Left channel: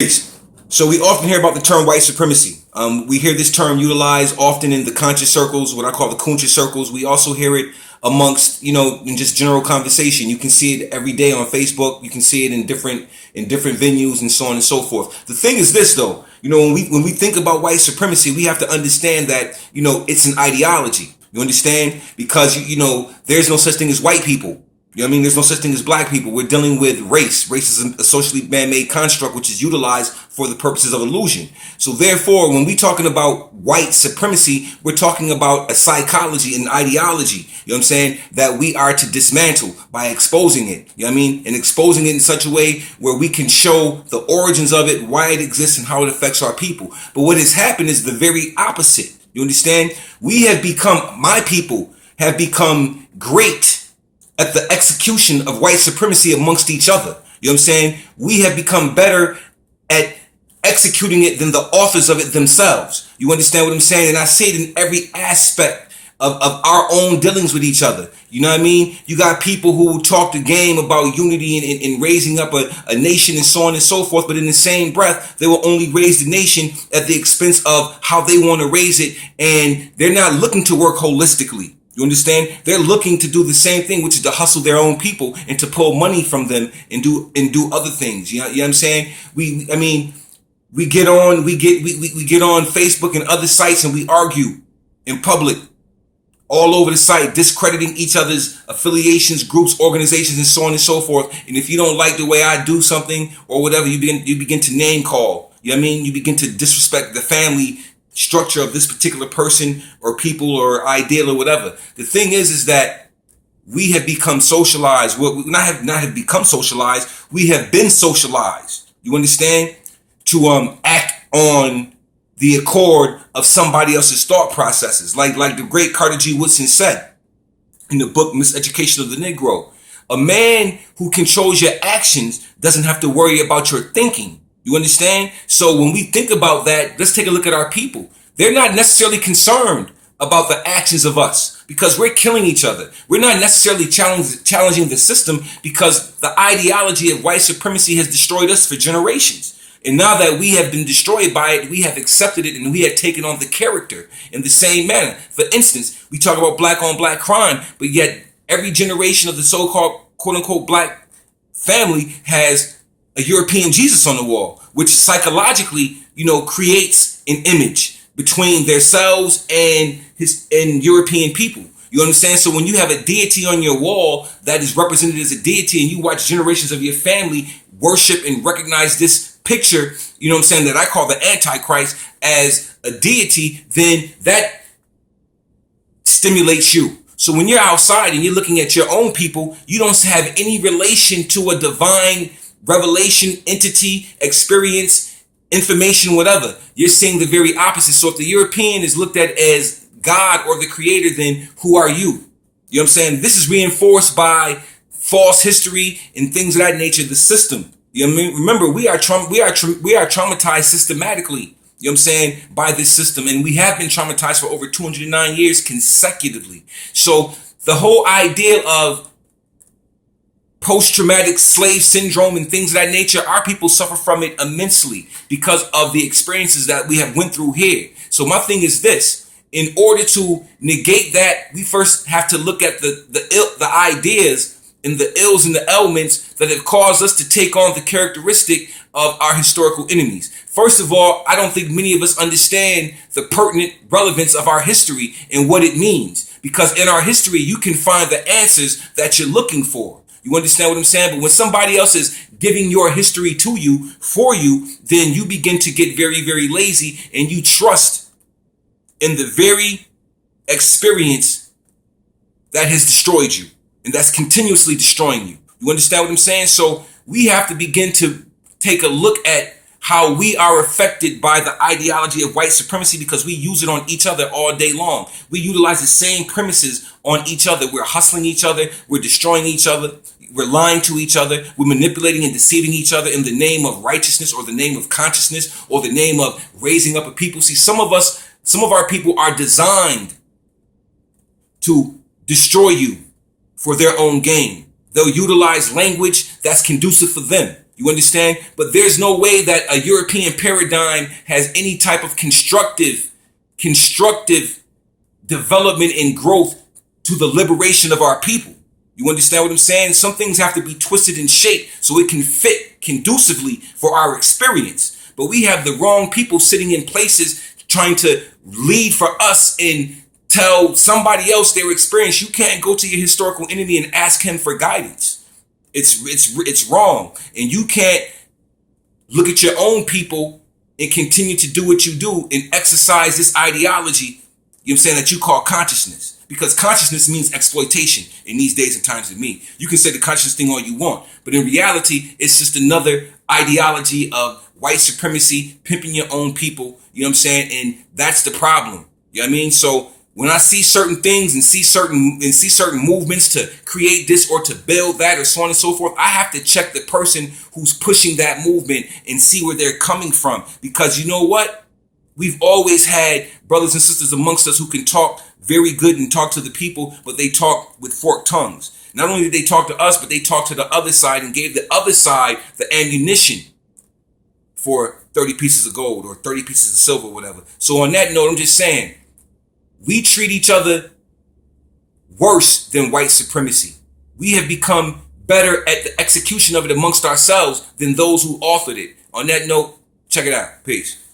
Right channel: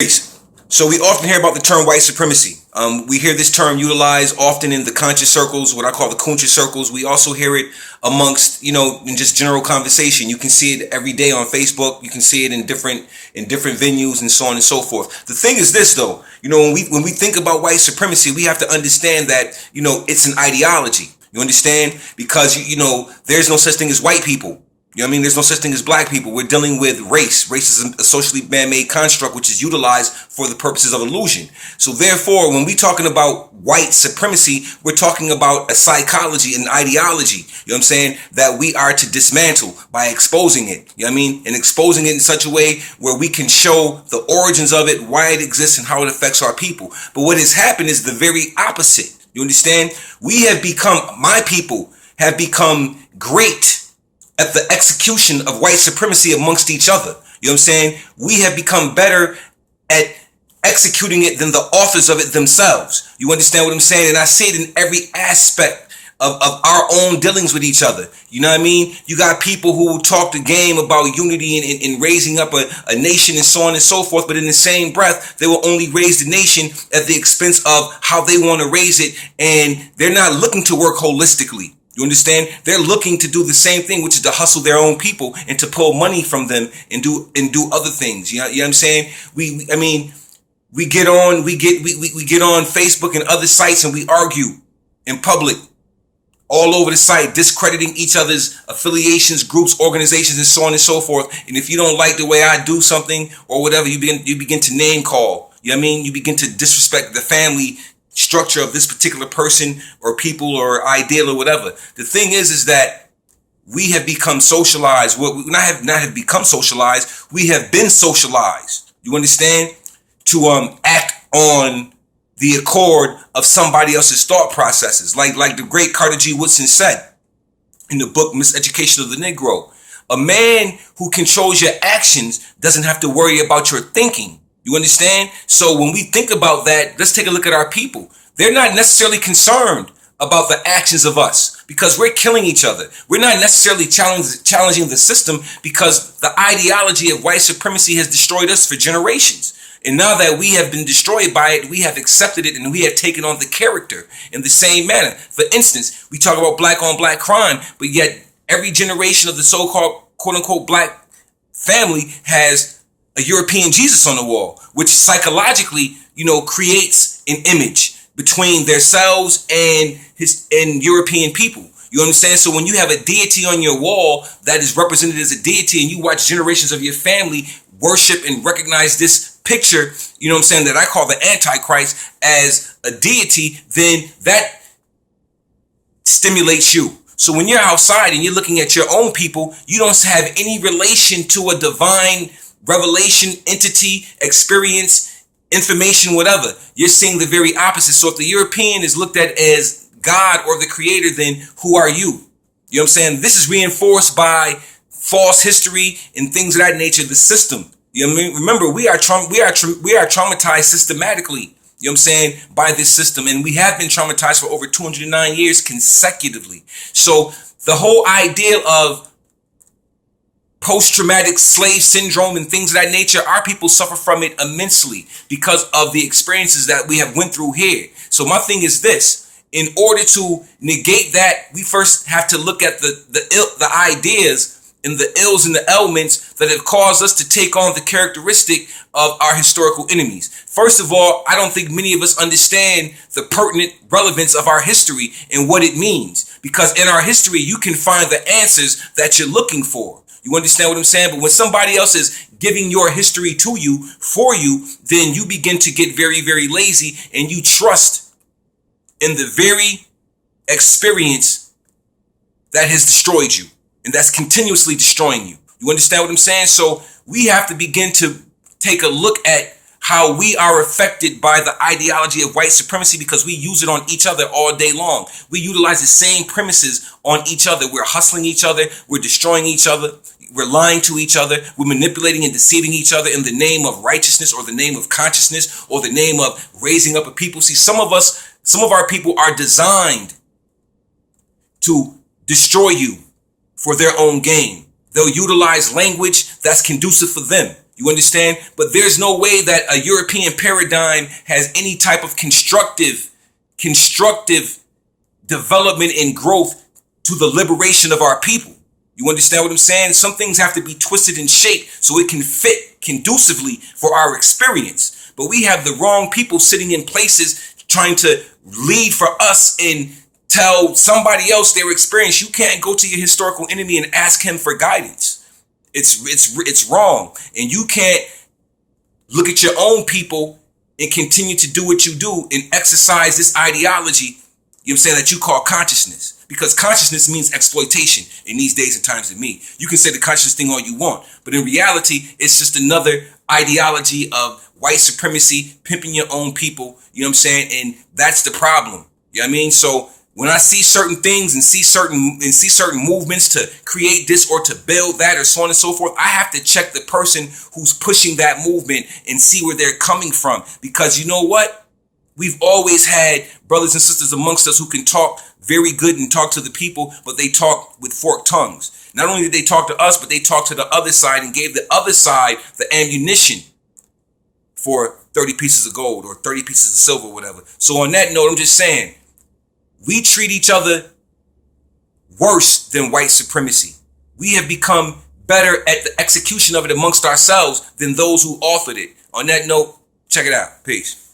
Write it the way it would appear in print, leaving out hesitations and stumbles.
Peace. So we often hear about the term white supremacy. We hear this term utilized often in the conscious circles, what I call the conscious circles. We also hear it amongst, in just general conversation. You can see it every day on Facebook. You can see it in different venues and so on and so forth. The thing is this, though, when we think about white supremacy, we have to understand that, it's an ideology. You understand? Because, there's no such thing as white people. You know what I mean? There's no such thing as black people. We're dealing with race. Race is a socially man-made construct which is utilized for the purposes of illusion. So therefore, when we're talking about white supremacy, we're talking about a psychology, an ideology, you know what I'm saying, that we are to dismantle by exposing it. You know what I mean? And exposing it in such a way where we can show the origins of it, why it exists, and how it affects our people. But what has happened is the very opposite. You understand? My people have become great at the execution of white supremacy amongst each other. You know what I'm saying? We have become better at executing it than the authors of it themselves. You understand what I'm saying? And I see it in every aspect of our own dealings with each other. You know what I mean? You got people who talk the game about unity and raising up a nation and so on and so forth, but in the same breath, they will only raise the nation at the expense of how they want to raise it, and they're not looking to work holistically. You understand? They're looking to do the same thing, which is to hustle their own people and to pull money from them and do other things. You know what I'm saying? We get on Facebook and other sites and we argue in public all over the site, discrediting each other's affiliations, groups, organizations, and so on and so forth. And if you don't like the way I do something or whatever, you begin to name call. You know what I mean? You begin to disrespect the family structure of this particular person or people or ideal or whatever. The thing is that we have become socialized. Well, we not have become socialized. We have been socialized. You understand? To act on the accord of somebody else's thought processes. Like the great Carter G. Woodson said in the book Miseducation of the Negro, a man who controls your actions doesn't have to worry about your thinking. You understand? So when we think about that, let's take a look at our people. They're not necessarily concerned about the actions of us because we're killing each other. We're not necessarily challenging the system because the ideology of white supremacy has destroyed us for generations. And now that we have been destroyed by it, we have accepted it and we have taken on the character in the same manner. For instance, we talk about black on black crime, but yet every generation of the so-called quote unquote black family has a European Jesus on the wall, which psychologically, creates an image between themselves and European people. You understand? So when you have a deity on your wall that is represented as a deity and you watch generations of your family worship and recognize this picture, that I call the Antichrist as a deity, then that stimulates you. So when you're outside and you're looking at your own people, you don't have any relation to a divine revelation, entity, experience, information, whatever. You're seeing the very opposite. So if the European is looked at as God or the creator, then who are you? You know what I'm saying? This is reinforced by false history and things of that nature, the system. You know what I mean? Remember, we are traumatized systematically, you know what I'm saying, by this system. And we have been traumatized for over 209 years consecutively. So the whole idea of post-traumatic slave syndrome and things of that nature, our people suffer from it immensely because of the experiences that we have went through here. So my thing is this: in order to negate that, we first have to look at the ideas and the ills and the elements that have caused us to take on the characteristic of our historical enemies. First of all, I don't think many of us understand the pertinent relevance of our history and what it means, because in our history, you can find the answers that you're looking for. You understand what I'm saying? But when somebody else is giving your history to you, for you, then you begin to get very, very lazy and you trust in the very experience that has destroyed you and that's continuously destroying you. You understand what I'm saying? So we have to begin to take a look at how we are affected by the ideology of white supremacy because we use it on each other all day long. We utilize the same premises on each other. We're hustling each other. We're destroying each other. We're lying to each other. We're manipulating and deceiving each other in the name of righteousness or the name of consciousness or the name of raising up a people. See, some of our people are designed to destroy you for their own gain. They'll utilize language that's conducive for them. You understand? But there's no way that a European paradigm has any type of constructive development and growth to the liberation of our people. You understand what I'm saying? Some things have to be twisted and shaped so it can fit conducively for our experience. But we have the wrong people sitting in places trying to lead for us and tell somebody else their experience. You can't go to your historical enemy and ask him for guidance. It's wrong. And you can't look at your own people and continue to do what you do and exercise this ideology, you know what I'm saying, that you call consciousness. Because consciousness means exploitation in these days and times of me. You can say the conscious thing all you want, but in reality, it's just another ideology of white supremacy, pimping your own people, you know what I'm saying? And that's the problem. You know what I mean? So when I see certain things and see certain movements to create this or to build that or so on and so forth, I have to check the person who's pushing that movement and see where they're coming from. Because you know what? We've always had brothers and sisters amongst us who can talk very good and talk to the people, but they talk with forked tongues. Not only did they talk to us, but they talked to the other side and gave the other side the ammunition for 30 pieces of gold or 30 pieces of silver, whatever. So on that note, I'm just saying, we treat each other worse than white supremacy. We have become better at the execution of it amongst ourselves than those who authored it. On that note, check it out. Peace.